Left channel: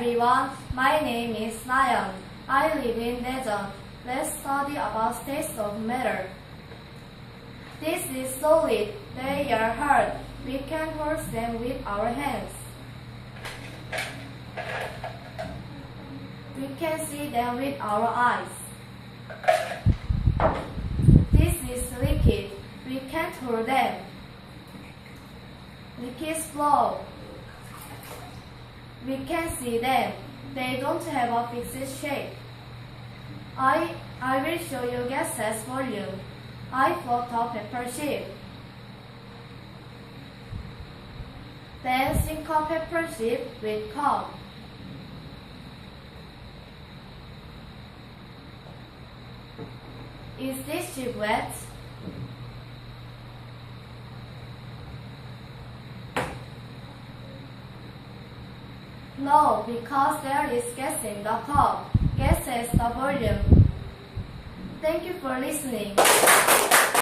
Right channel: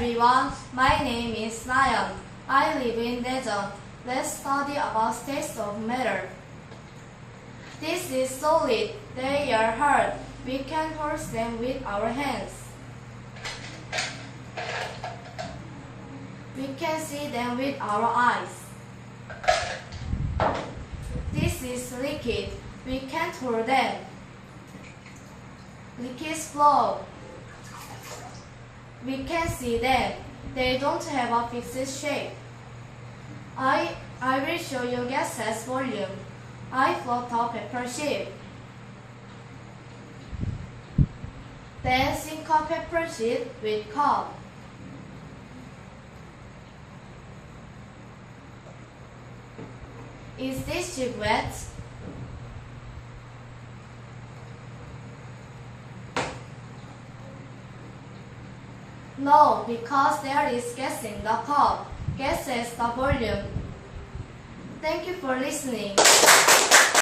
everyone, my name is Nayan. I live in Daejeon. Let's study about states of matter. This is solid. They are hard. We can hold them with our hands. We can see them with our eyes. This is liquid. We can't hold them. Liquids flow. We can see them. They don't have a fixed shape. I will show you gases volume. I float a paper sheet. Then sink a paper sheet with cup. Is this sheet wet? No, because there is gas in the cup. Gas is the volume. Thank you for listening.